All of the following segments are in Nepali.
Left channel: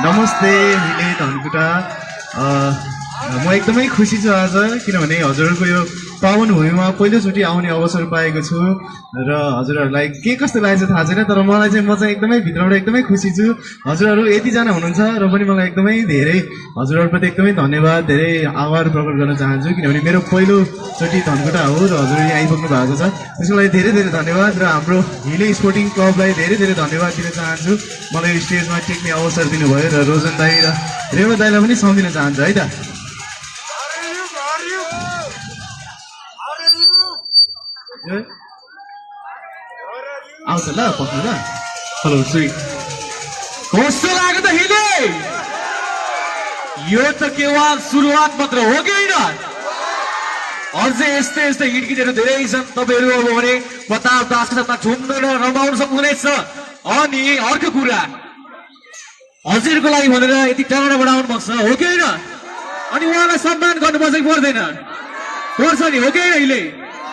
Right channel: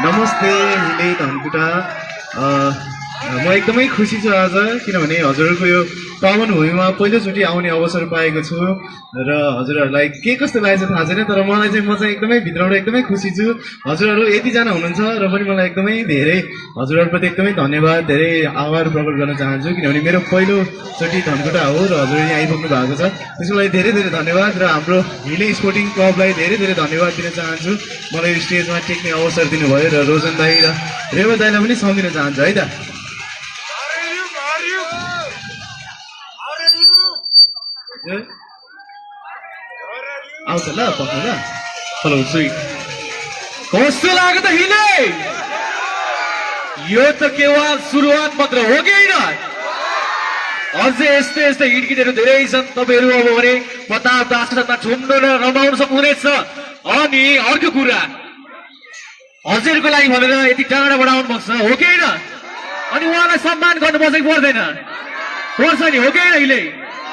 नमस्ते हिले धनकुटा म एकदमै खुसी छु आज किनभने हजुरहरूको यो पावन भूमिमा पहिलोचोटि आउने अवसर पाएको छु र हजुरहरूलाई के कस्तो लागेको थाहा छैन तर मलाई चाहिँ म चाहिँ एकदमै भित्रबाट एकदमै खुसी छु। हजुरहरू यतिजना हुनुहुन्छ र पनि मलाई एकदमै धेरै हजुरहरूप्रति एकदमै धन्यवाद धेरै आभार प्रकट गर्न चाहन्छु किनभने मेरो पहिलोचोटि धनकुटा हो र हजुर यहाँ आइपुग्नु भएको छ त्यसको लागि धेरै धेरै धन्यवाद र हाम्रो हिले स्पोर्टिङ क्लबलाई धेरै धेरै धन्यवाद दिन चाहन्छु मलाई स्टेजमा टेक्ने अवसर दिनुभयो र रोजन दाई र रेवा दाईलाई पनि सम्झिन चाहन्छु है त। आउँछ ल पक्नु ल। हेलो श्री कस्तो लाग्यो त हिले यो त केवल सुरुवात मात्र हो कि होइन अझै यस्तै यस्तै हिँडकिटहरू धेरै छन्। तपाईँहरू अब भने प्रताप दासको साथमा झुम्न र रमाउन सक्नुहुनेछ। अनि अर्को कुरा हजुरको लागि भनेर यति टाढा बढाउनु भएको छ हो कि होइन अनि उहाँलाई सम्मान गर्नुपर्छ कि पर्दैन पर्छ नि हो कि होइन हिले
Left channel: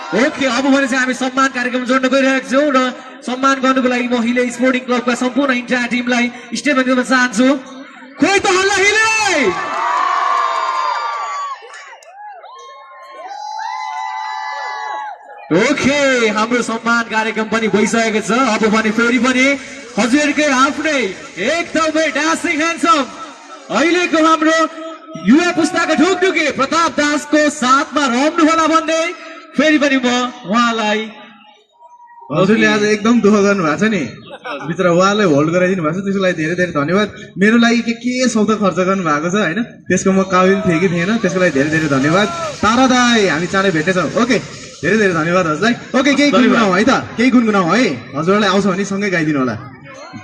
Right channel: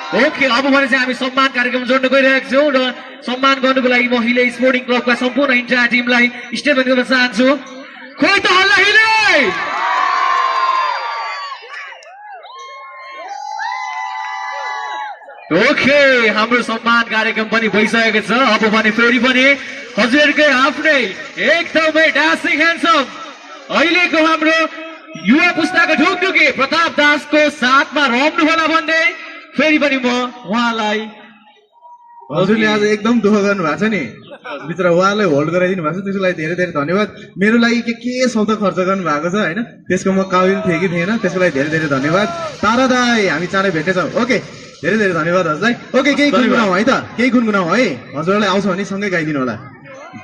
ओके। अब भने चाहिँ हामी सम्मान कार्यक्रम जोड्न गइरहेको छौँ र सम्मान गर्नुको लागि म हिले स्पोर्टिङ क्लबका सम्पूर्ण इन्टायर टिमलाई स्टेजमा गर्न चाहन्छु। खोइ त हल्ला हिले ओके हाम्रो सम्मान कार्यक्रम पनि भइसकेको छ। अब भने फेरि पनि हजुरहरूकै आफ्नै एकदमै डान्सिङ ह्यान्डसम अहिलेको हाम्रो युवा पुस्ताको ढुकढुकी प्रताप दासको साथमा रम्नु होला भन्दै फेरि पनि म उहाँलाई हजुरले आज एकदम दुःख गर्नु भएको छ नि भित्र उहाँलाई होल्ड गराइदिनु भएको छ त्यसको लागि धेरै धेरै धन्यवाद। मेरो लागि के शब्द खर्च गर्नु भएको छ होइन त्यसको म काबिल थिएँ कि थिएन त्यसको लागि धेरै धेरै धन्यवाद। तारा दाई हामी चाँडै भेट्नेछौँ ओके धेरै धेरै धन्यवाद हजुरलाई। ओके केही गुनगुनाऊ है त केही गुनगुनाऊ है हजुरलाई आउँछ भने सँगै गाइदिनु होला।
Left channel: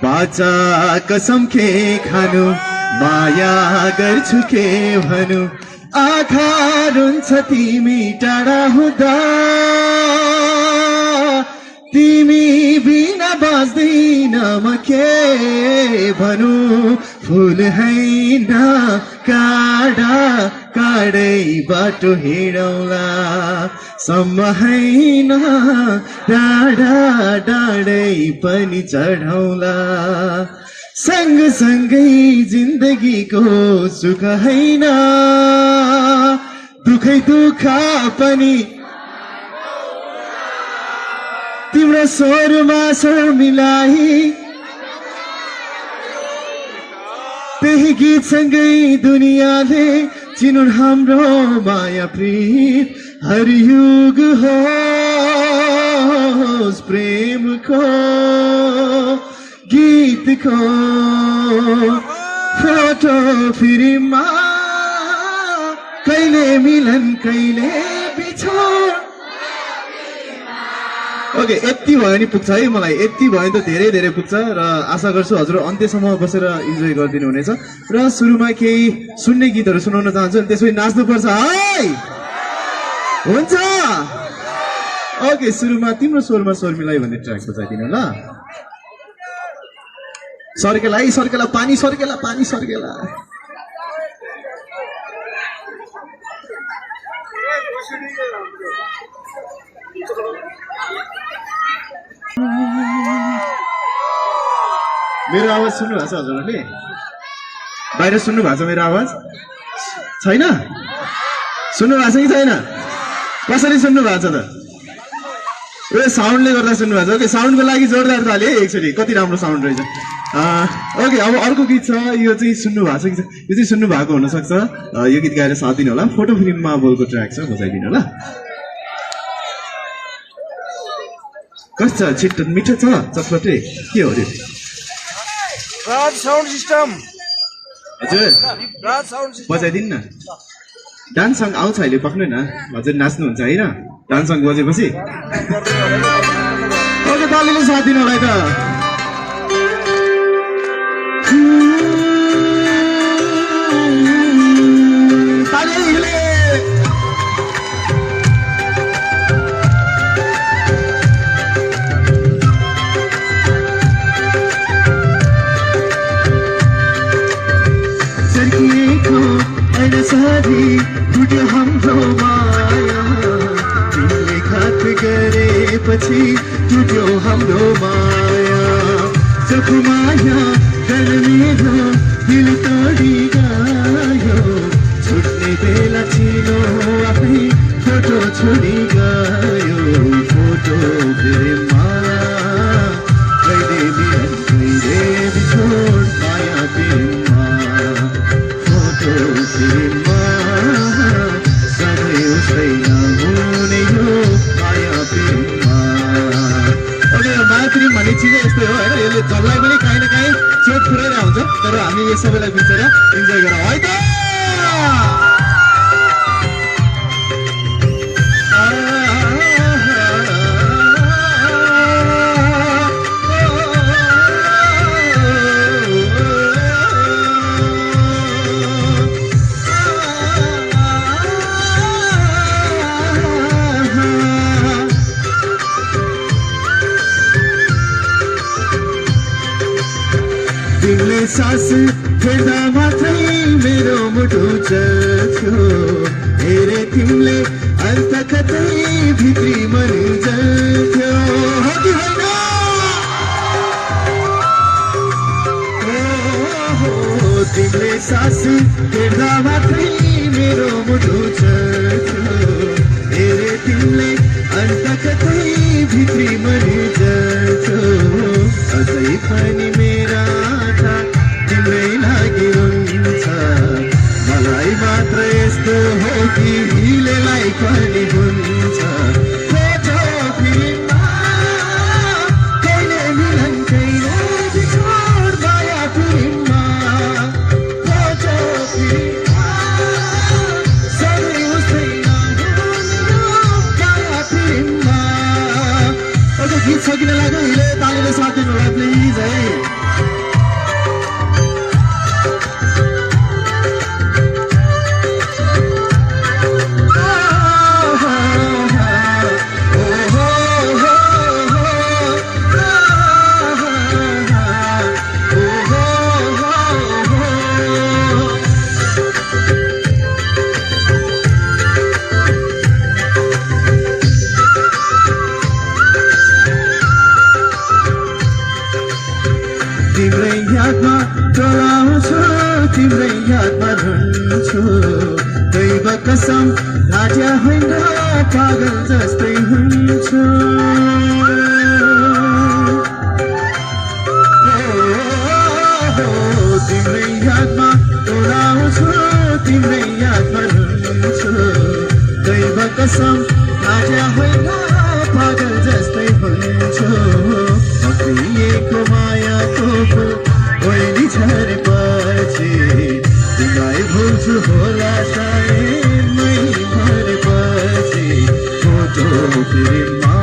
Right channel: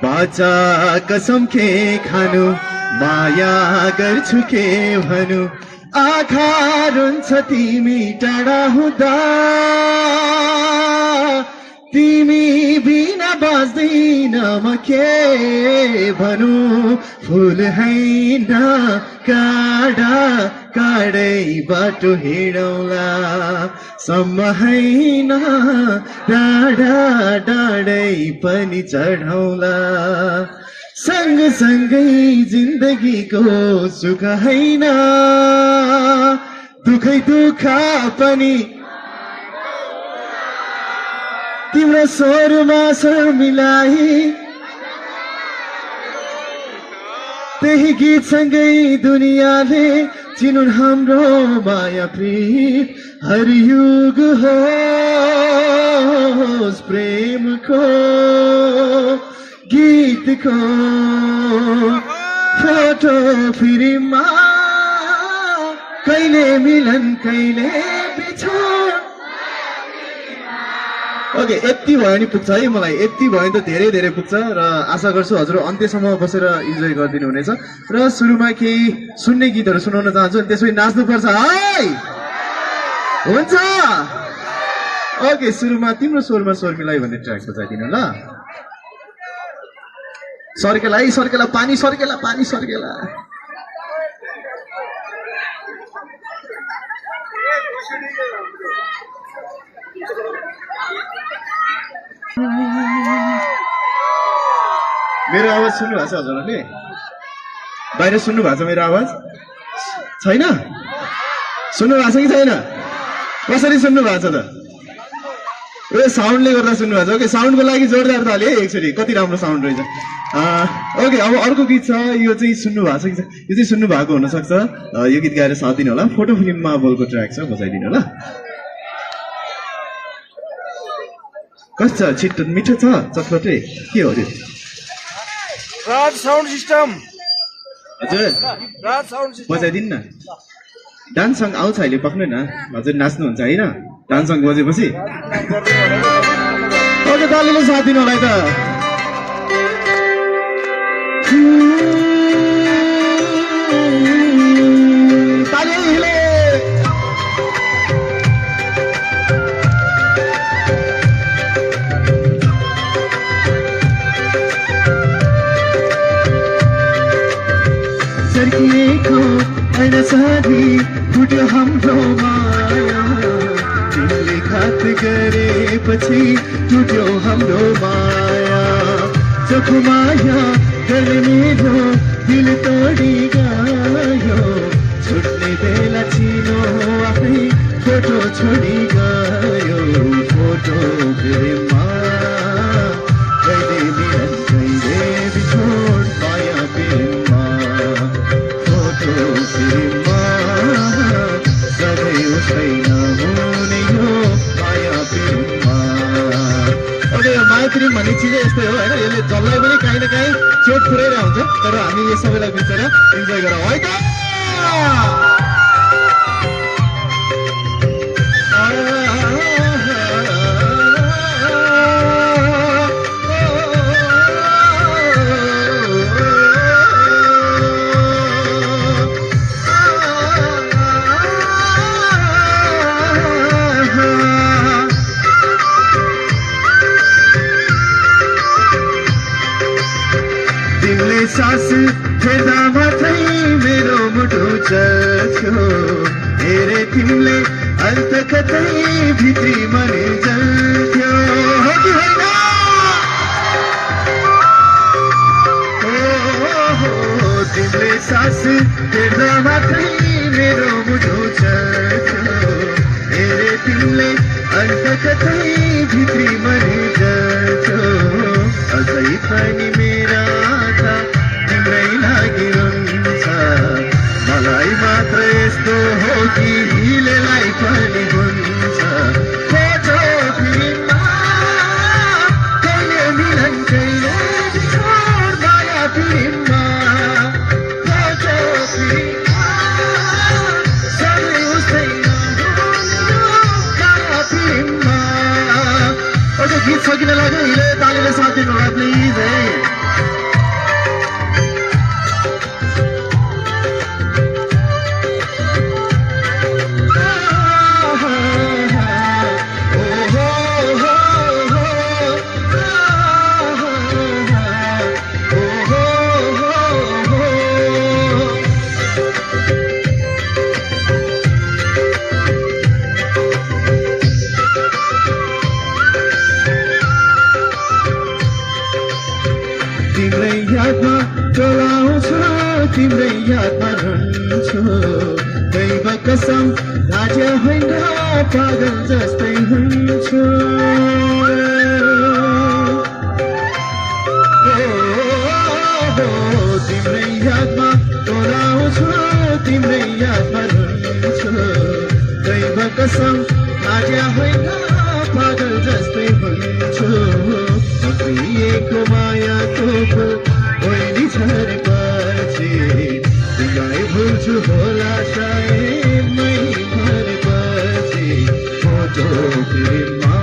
बाचा कसम के खानु माया गर्छु के भनु आँखा रुन्छ तिमी टाढा हुँदा तिमी बिना बाँच्दैन म के भनु फुल हैन काडा काडै बाटो हिँडौला सम्म हैन डाँडा डाँडै पनि चढौला सँगसँगै जिन्दगीको सुख हैन दुखै दुख पनि तिम्रो स्वरमा स्वर मिलाई त्यही गीतसँगै दुनियाँले चिनुन् हाम्रो माया प्रीत हर युग होस् प्रेमको गीतको फोटो फिल्ममा कहिले मिलन कहिले बिछोड। ओके यति भयो नि पुग्छ है मलाई यति भयो नि त धेरै धेरै पुग्छ र आशा गर्छु हजुर अन्त्यसम्म बसेर इन्जोय गरिदिनु हुनेछ र सुरुमा केही सुन्ने गीतहरू सुनाउन चाहन्छु अनि त्यसपछि नाच्नुपर्छ है हुन्छ। ओके सुरुमा तिम्रो स्वरमा स्वर मिलाइ भन्ने ट्र्याक बजाइदिनु ल। सर्केला है सर्केला पानी सर्केला पानी सर्केला मेरो आवाज सुन्नु भएको छ हजुरहरूले बाहिर सुन्नु भएको छ मेरो आवाज छैन सुन्नु भएको छ कि छैन कसरी सुन्नु भएको छ त ए साउन्डले गर्दा सुन्नु भएको छ। ओके साउन्डको लागि जोरदार ताली है एकचोटि कति राम्रो साउन्ड रहेछ। ओके अब अर्को गीत छ यो चाहिँ सुन्नु भएको छ कि यो चाहिँ सुन्नु भएको हुनसक्छ यो गीत गाएर साथ दिनु होला फोटो फिल्ममा बोलको ट्र्याक छ बजाइदिनु होला। कस्तो छ छिट्टो मिठो छ चटपटे के हो त्यो राज साउन्ड सिस्टम हजुर राज साउन्ड सिस्टम बजाइदिनु न डान्स सङ आउँछ अहिले पक्नु न हजुर नाच्नुहुन्छ होइन डान्स सङ बजेपछि तालीले साथ दिनु होला त। फुट्यो हाम्रो माया तिमीले घात गरेपछि टुट्यो हाम्रो माया चोखो माया गर्ने दिल पुरै हुन्छ तर हामी यो सबैलाई बिचेर इन्जोय गरौँ है त तिमीले सास फेर्दा मात्रै मेरो मुटु चल्थ्यो हेरे तिमीले अन्त कतै भित्री मने जल्थ्यो हो कि होइन तिमीले सास फेर्दा मात्रै मेरो मुटु चल्थ्यो हेरे तिमीले अन्त कतै भित्री मने जल्थ्यो अझै पनि मेरा तिम्रै लागि हुन्छ मलाई मात्र यस्तो हो कि हिलेलाई पनि हुन्छ फोटो फिल्ममा कहिले मिलन कहिले बिछोड माया फिल्ममा फोटो फिल्ममा सधैँ उस्तै माया फिल्ममा अझ गीत सकिन लाग्यो हिले तालीले साथ दिनु होला प्लिज है तिम्रै यादमा टोलाउँछु तिम्रै यादमा रुन्छु दैव कसम घाट्या होइन पागल जस्तै हुन्छु तिम्रै यादमा टोलाउँछु तिम्रै यादमा रुन्छु दैव कसम घाट्या होइन पागल जस्तै हुन्छु प्रियको मायाको फुल बहिनी झरेपछि तिमीलाई भुल्छु होला सायद मै मरेपछि फोटो फिल्ममा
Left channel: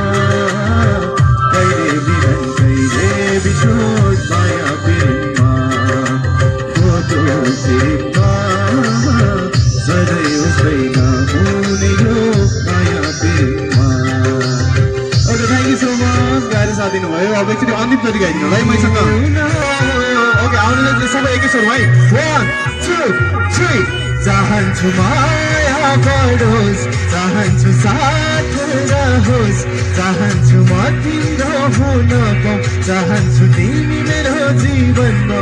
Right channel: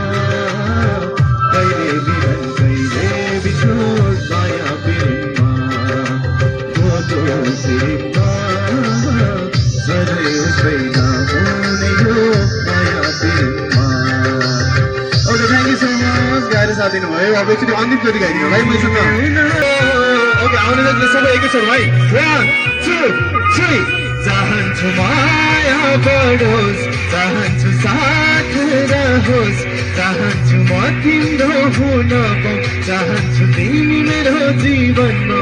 कहिले मिलन कहिले बिछोड माया फिल्ममा फोटो फिल्ममा सधैँ छैन हुने यो माया फिल्ममा okay thank you so much गाएर साथ दिनुभयो अब एकचोटि अन्तिम कति गाइदिनु है मैसँग ओके आउने चाहिँ सबै एकैचोटि भाइ 1 2 3 चाहन्छु माया बढोस् चाहन्छु साथ रहोस् चाहन्छु म तिम्रो हुनको चाहन्छु तिमी मेरो जीवनमा